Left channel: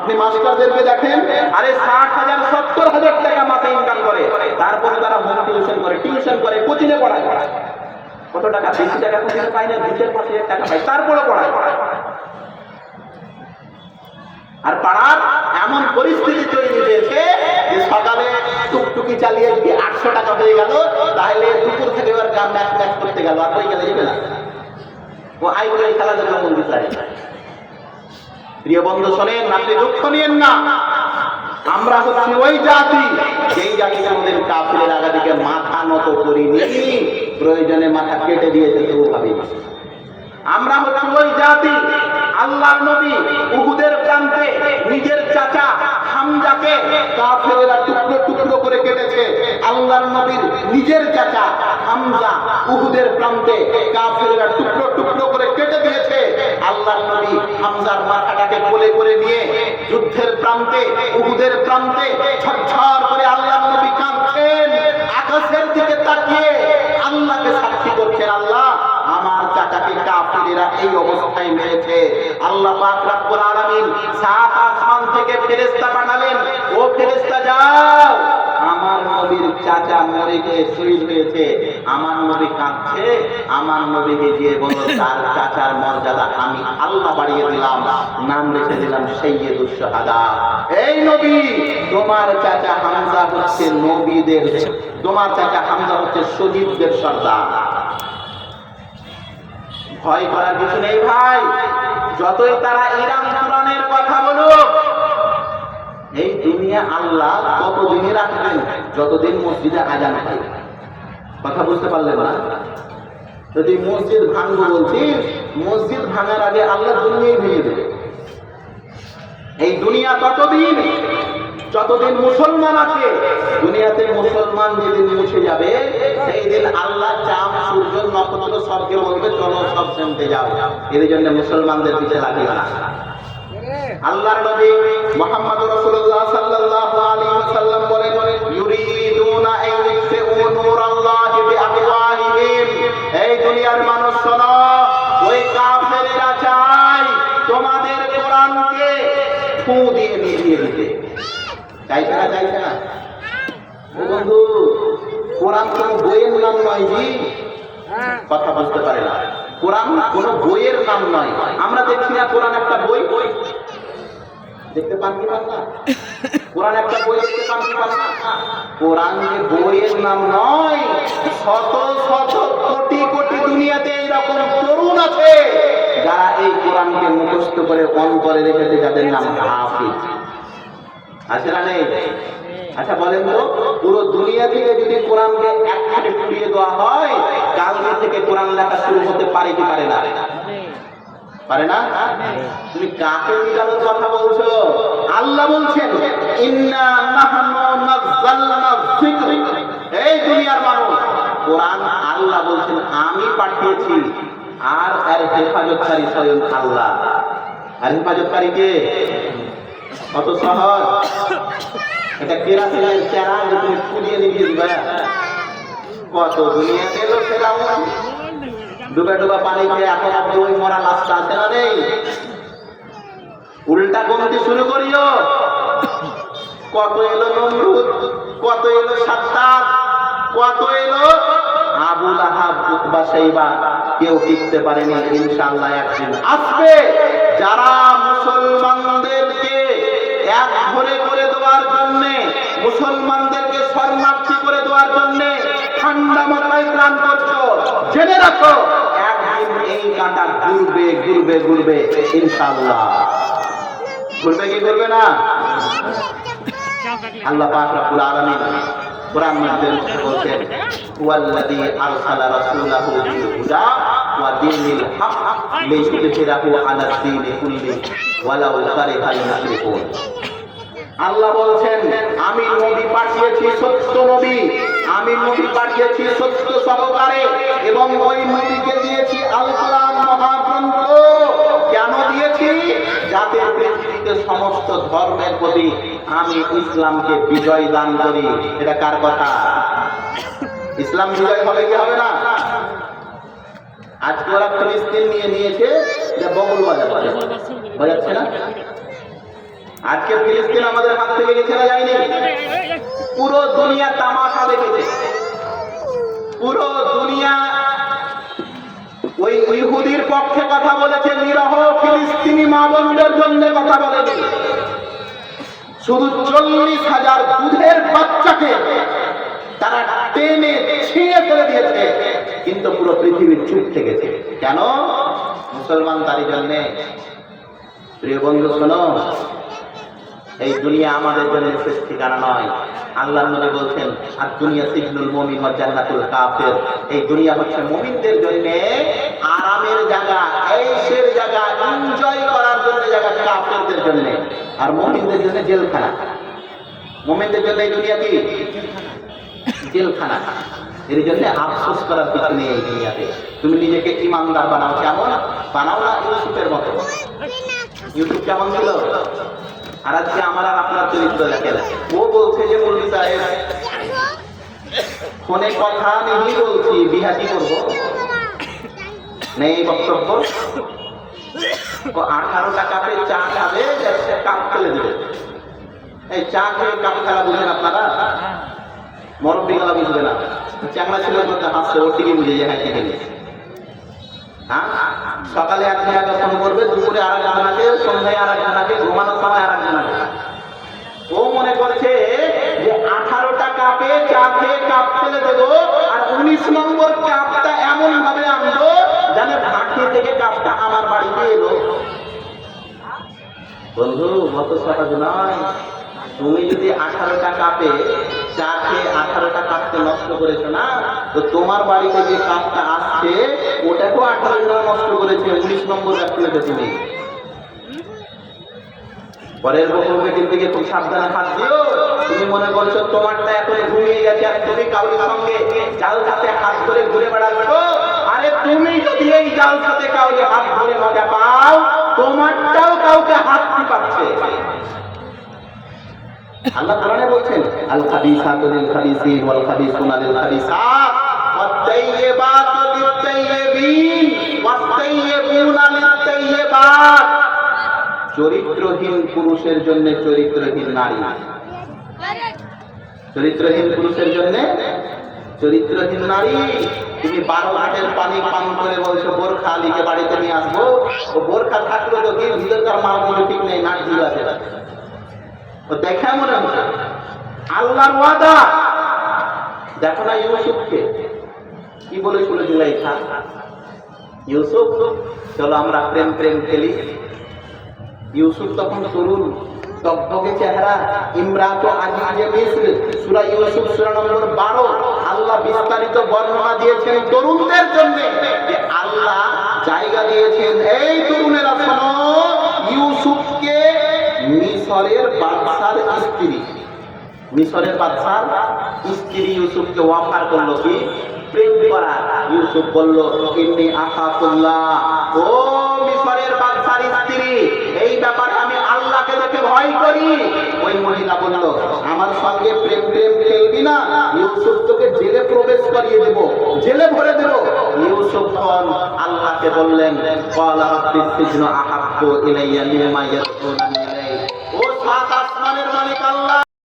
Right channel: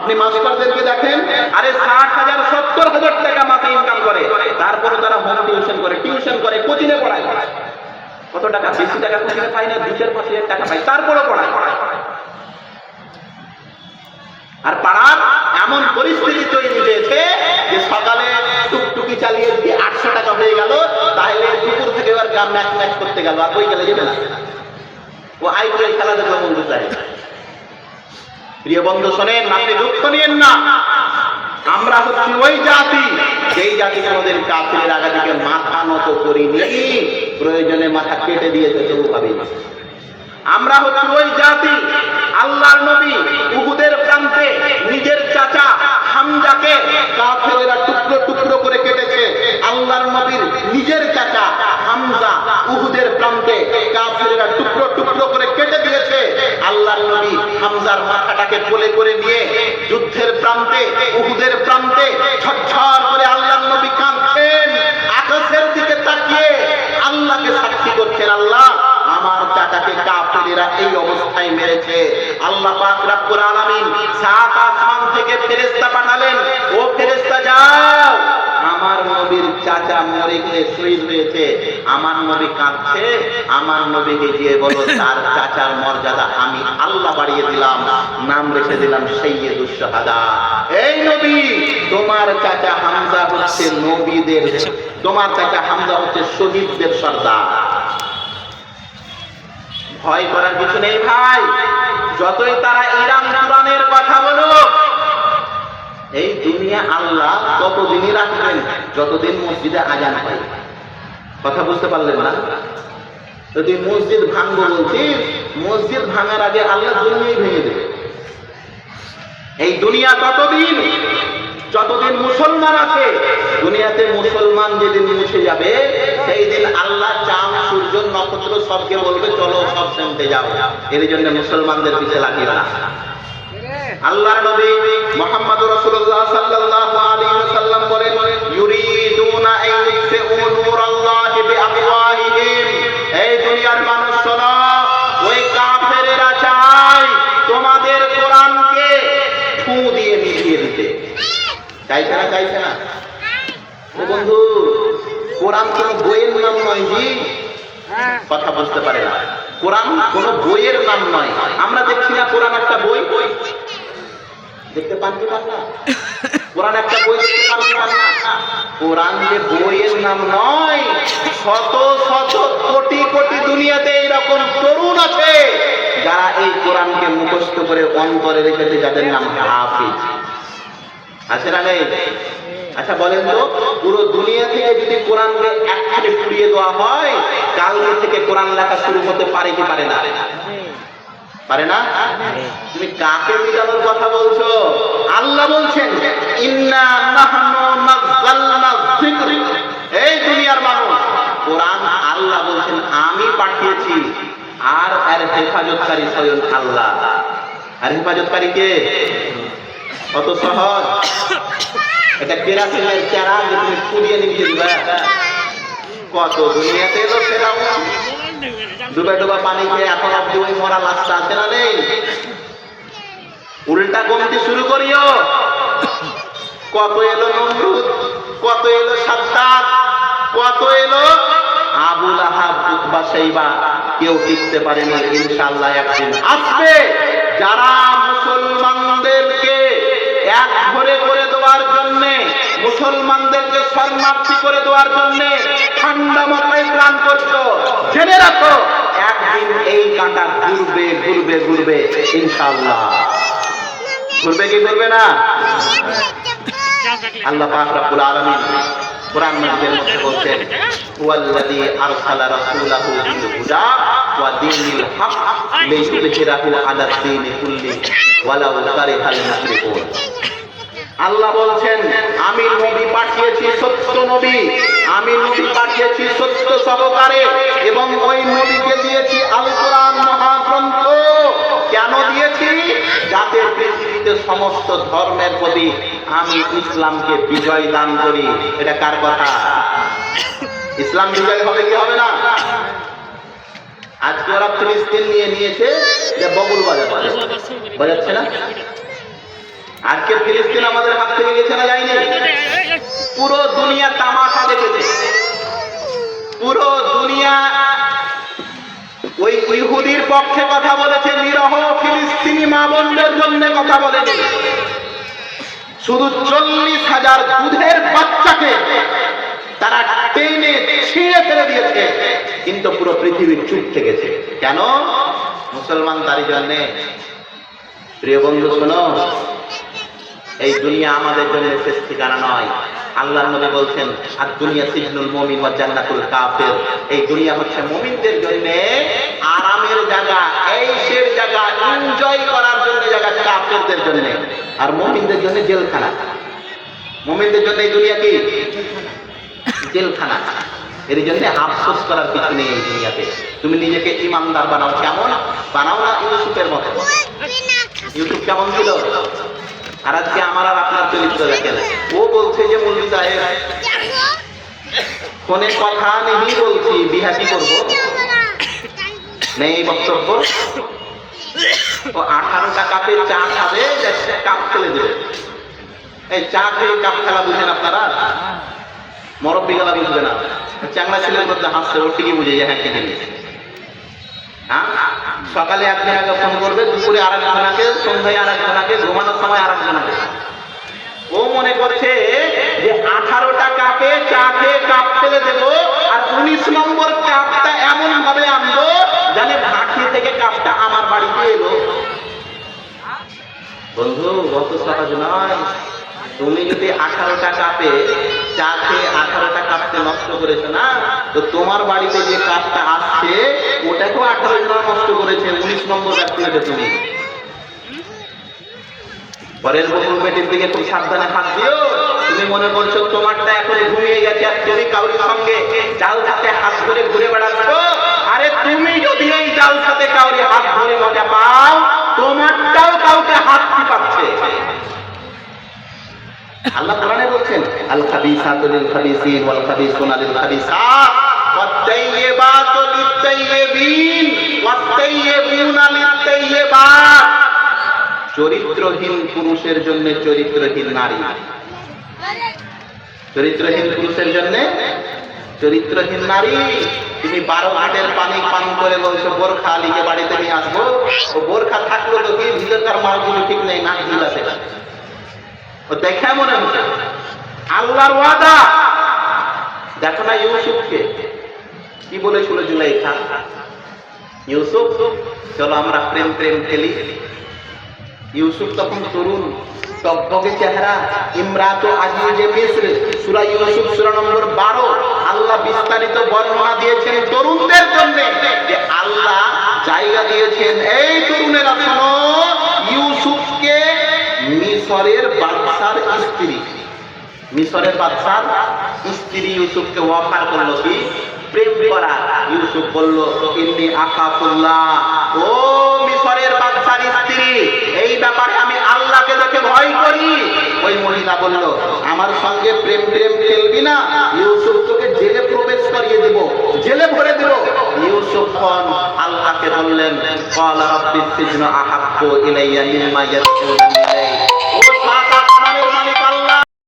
আপনি মাস্টারদেরকে দেখেন, আরে 60,000 70,000 টাকা মাসে ইনকাম করে, তারপরে তারা হোম টিউশন করে কোচিংয়ে পড়ায়। কত টাকা? বেশি টাকা কোচিংয়ে পায় না, 2-5,000 টাকা পায়, তারপরে পড়ায়। আর পাড়ার এমন পরিস্থিতি তৈরি হয়েছে যে সকালে টুকটুকি চালিয়ে দিয়ে 800 টাকা হয়ে গেল, তাহলে দুপুর থেকে এবার গ্রাম ম্যাচ করতে গেল, আর বই গেলে যাবে না, ও আইপিএল খেলা দেখলো বন্ধু চাই। প্রিয় বন্ধু শোনেন, আপনি দুঃখ নিয়েন না, আমরা হচ্ছি ওই জাতি যেই জাতি আমাদের কাফিরের আগাদিকে মাথা নত করিনি, প্রয়োজনে মাথা কেটে দিয়েছে তবু ভাবিনি। আমরা হচ্ছি ওই জাতি আল্লাহর নবী উহুদের প্রান্তে নিজের চাচা হামজাকে কাফেরেরা টুকরো টুকরো করে কেটেছে। আল্লাহর নবীর নিজের চাচা হামজা উহুদের প্রান্তে কাফেরেরা টুকরো টুকরো করে কেটে দিয়েছে। আল্লাহর নবী হামজার মাথাটাকে কোলে করে নিয়ে যুদ্ধের প্রান্তে উহুদের প্রান্তে ঝরঝর করে আল্লাহর নবী কাঁদছেন, আকাশের দিকে তাকিয়ে আল্লাহকে সাক্ষী করছেন, আল্লাহ আমার চাচাকে কাফেরেরা এই অবস্থায় মেরেছে। আল্লাহ পাক রব্বুল আলামিন সাত আসমান থেকে ফেরেশতা পাঠালেন, ও ফেরেশতা যাও, আমার নবীর চাচা মরে গিয়ে শহীদ হয়েছে, আমার নবী কাঁদছে, আমার নবীকে গিয়ে বলো তার চাচার মর্যাদা আমি আল্লাহ বাড়িয়ে দিলাম, নাম রেখে দিলাম সাইয়্যিদুশ শাহাদা। এই নবী, তোমার চাচা হামজা হচ্ছে নবীদের, তোমার চাচা হামজা হচ্ছে শহীদদের সর্দার। ভয় করার কিছু নেই ভাই, যতই তারা ইরান কুরআনের কথা বলুক, এই দুনিয়া আল্লাহ ততদিনই রাখবেন যতদিন মসজিদে আজান হয়। কথা বুঝতে পারলেন না? যদি মসজিদ ভাঙবো বলছিস, মসজিদ ভাঙার আগে আল্লাহ দুনিয়াই ভেঙে দেবে। এই দুনিয়া ততদিন যতদিন মুসলমান আছে, দুনিয়াতে মুসলমান যেদিন মুছে যাবে সেই দিন আল্লাহ চাঁদ সূর্য নক্ষত্র সবকে বলবে চলো সব সেমতে যাও। এর জন্য মুসলমানদের পিছে লাগিও না। আল্লাহর নবী মুহাম্মদ রাসূলুল্লাহ সাল্লাল্লাহু আলাইহি ওয়াসাল্লাম বলেন, ইউরিদুনা আন ইউতফিউ নূরাল্লাহি বিআফওয়াহিহিম। এই দুনিয়ার মানুষ শোনো, ওই কাফেরেরা চায় তোমাদের কোরআনকে ফু দিয়ে নিভিয়ে দিতে। চাইছে না? চাইছে না? ও বন্ধু, কোরআন কোন বইয়ের নাম নয় জি, কথা বুঝতে পারে না। কোরআন কোন বইয়ের নাম নয়। আমরা দেখছি না কোরআন একটা বই, দেখতে পান কি পান না? কোরআন একটা বই দেখতে পান কি পান না? কোরআন যে বইয়ের নাম নয়, শত শত কোটি কোটি দুনিয়াতে এরকম তরুণ আছে যারা এই কোরআনকে মুখস্থ করে অন্তরে রেখেছে, যাদের নাম হাফিজ। আছে না নেই? আচ্ছা বলেন তো, পুরো দুনিয়া থেকে যদি কোরআনকে একসাথে পুড়িয়ে দেওয়া হয়, কালকে থেকে কোরআন লেখা শুরু হতে পারে কি পারে না? পারে না? তুমি কাকে মিলানোর কথা বলছো? আল্লাহ বলছেন, ইন্না নাহনু নাযালনা যিকর। এই দুনিয়ার মানুষ, কোরআন আল্লাহ বলছেন আমি পাঠিয়েছি, আর এর হেফাজতকারী স্বয়ং আল্লাহ। আর হেফাজতকারী কে? কত সহজ, এটা কেরাসিনের চারা যে তুমি পুড়িয়ে নিয়ে দিবে। কত দুনিয়াতে এলো ফেরাউন, ডুবা ডুবা পানি খেয়ে এখন অব্দি ওই মরা লাশটা আছে না নেই? উল্টা কমতে শুরু করিও। কত এলো নমরুদ, কত এলো সাদ্দাত, কত এলো আবু লাহাব, উতবা, শাইবা, কেউ টিকতে পারেনি। ইনশাআল্লাহ একদিন আসবে যারা মুসলমানদেরকে এক ঘরে করে দেওয়ার জন্য, মুসলমানদেরকে শরণার্থী করে দেওয়ার জন্য ঠান্ডা মাথায় প্ল্যান করছো। জেনে রাখো একদিন এই কাঁটা ঘুরবে ঘুরবে ঘুরবে, ইনশাআল্লাহ। ঘুরবে কি ঘুরবে না? আল্লাহ পাক রব্বুল আলামিন কোরআন মধ্যে বলছেন, ওয়াল্লাযী আরসালা রাসূলাহু বিল হুদা ওয়া দীনিল হক লিইয়ুযহিরাহু আলা দ্বীনি কুল্লি ওয়ালাউ কারিহাল মুশরিকুন। আল্লাহ বলছেন, আমি নবী পাঠিয়েছি সত্য নবী, আমি নবী পাঠিয়েছি সত্য সহকারে, এবং ওই নবীকে দিয়েছি আল কোরআন মহাগ্রন্থ। কেন দিয়েছি? যাতে পৃথিবীতে সমস্ত ধর্মের প্রতি আমি ইসলামকে বিজয় দান করি। এটা কার কথা? ইসলাম বিজয় হবে কি হবে না? আজকে ওরা ফিলিস্তিন নিয়ে নিয়েছে, বগল বাজাচ্ছে না? আজকে ফিলিস্তিন আমাদের হাত থেকে গেছে না যায়নি? পুরো দুনিয়া তামাশা দেখেছে, পুরো দুনিয়া ওই ইহুদির পক্ষে কথা বলেছে, নিরহ ফিলিস্তিনি মা বোনদের জন্য কথা বলেছে। শুধু 40,000 দুধের বাচ্চাকে তারা টেনে ছিঁড়ে ফেলে দিয়েছে, কিন্তু পুরো পৃথিবী চুপ থেকেছে। কেন? মুসলমান তারই জন্য। প্রিয় বন্ধু শোনো, এই দুনিয়া আমাদের জন্য শেষ ঠিকানা নয়। আল্লাহর নবী বলছেন, আর দুনিয়া সিজনুল মুমিন ওয়া জান্নাতুল কাফির। এই দুনিয়া হচ্ছে মুমিনদের জন্য আরামের জায়গা, এইশের জায়গা, এনজয় করার জন্য জায়গা, কাফিরদের জন্য আর মুমিনদের জন্য জেলখানা। মুমিনদের জন্য এই দুনিয়া কি? জেলখানা। এর জন্য আফসোস করার কিছু নেই এই দুনিয়াতে। তুমি নিজেকে ইমানদার বানাও, কেমন বানাও না ইউসুফের মতো। ইউসুফ কেমন ছিল? আর আজকে আমার আর আপনার চরিত্র দেখেন। ও বলছে যে মৌলভী সাহেব ফোনে কথা নেই, বলছি বিহা কি করবো, নেই বক্তব্য। ও 18টা কাপে চা খাবে, কাপ ফেলে দেবে। এই চা খেয়ে কাপ খেলা বুঝেন আপনারা? মরব্বী গেলা বুঝবে না। চ্যাংলা ছেলের মধ্যে হাসছে, ও ঠিকই বুঝে যায়। হ্যাঁ ঠিকই। হ্যাঁ, সকালে একজনাকে ফোন করবে, দুপুরে আর একজনাকে, সন্ধ্যায় আর একজনাকে, ঘুমানোর সময় আর একজনাকে। ও মনে করছে যে 18টা কাপে চা খেয়ে কাপ ফেলে দেবো, আর 19 নম্বর কাপটা এমন ভাবে আনবো জানে ভাটি থেকে কাপটা আমার বাড়িতে এলো। বন্ধু, গত সহজ নয়। তুমি যদি 18টা কাপে চা খেয়ে 18টা কাপকে নষ্ট করেছো না, তো তোমার বাড়িতে যে কাপটা আসছে ওটাকেও 18 জন নষ্ট করেছে। 19 নম্বর কাপ তুলেছো তুমি। পরের বকুল বেটির দিকে তুমি সাবধানে হাত দিও। তুমি মনে করছো তোমারটা এখন ঘুমিয়ে গেছে, আর তুমি কাউরির সঙ্গে জাল হাতে হাত ধরে ঘুরে বেড়াচ্ছ। আরে তুমি যদি এই জাল সাথে কাউরি হাত ধরে মজা পাও, তোমারটাও কাউকে হাত পাচ্ছে। আল্লাহ কোরআনে বলছেন, আল খাবিসাতু লিল খাবিসিন ওয়াল খাবিসুনা লিল খাবিসাত ওয়াত তাইয়্যিবাতু লিত তাইয়্যিবিন ওয়াত তাইয়্যিবুনা লিত তাইয়্যিবাত। চরিত্রহীন পুরুষের জন্য চরিত্রহীন নারী, চরিত্রহীন পুরুষের জন্য চরিত্রহীন নারী। তুমি 12 ঘাটের পানি পান করে বলছো বোরখা আলীকে বাড়িতে নিয়ে আসবো। ও বোরখা থাকলো তো কি, ভিতরকার মালগুলো ঠিক নেই, না ঢিল আছে। ও দেখা মনে হচ্ছে আল্লাহর ওয়াদা। দেখো না ইউসুফকে কি বলেছিল জুলাইখা, ইউসুফ চলো আমরা প্রেম প্রেম খেলি। ইউসুফ তখন তরুণ, টকটকে চেহারা, ইমরাতে আজিজে মিস্র। সূরা ইউসুফ সূরা নম্বর 12। আল্লাহ বিস্তারিত বর্ণনা দিয়েছেন তরুণদের জন্য, যে আল্লাহ জায়গা দিয়েছেন এই তরুণেরা শোনো, ইউসুফকে মিশরের বাদশার স্ত্রী, মিশরের বাদশার স্ত্রী ইউসুফকে অফার করলো কি প্রেম করা। ইউসুফ বলল, ইন্নী আখাফুল্লাহ, ও মিশরের বাদশার স্ত্রী, এই ব্যাপারে আমি আল্লাহকে দেখে ভয় করি। ওই মহিলা বলল, আমার সঙ্গে প্রেম প্রেম খেলবি না, ইউসুফ তোকে জেলে প্রবেশ করিয়ে দেব, জেলে ভরে দেব। ইউসুফ আল্লাহকে বললেন, ক্বালা রাব্বিস সিজনু আহাব্বু ইলাইয়া মিম্মা ইয়াদউনানি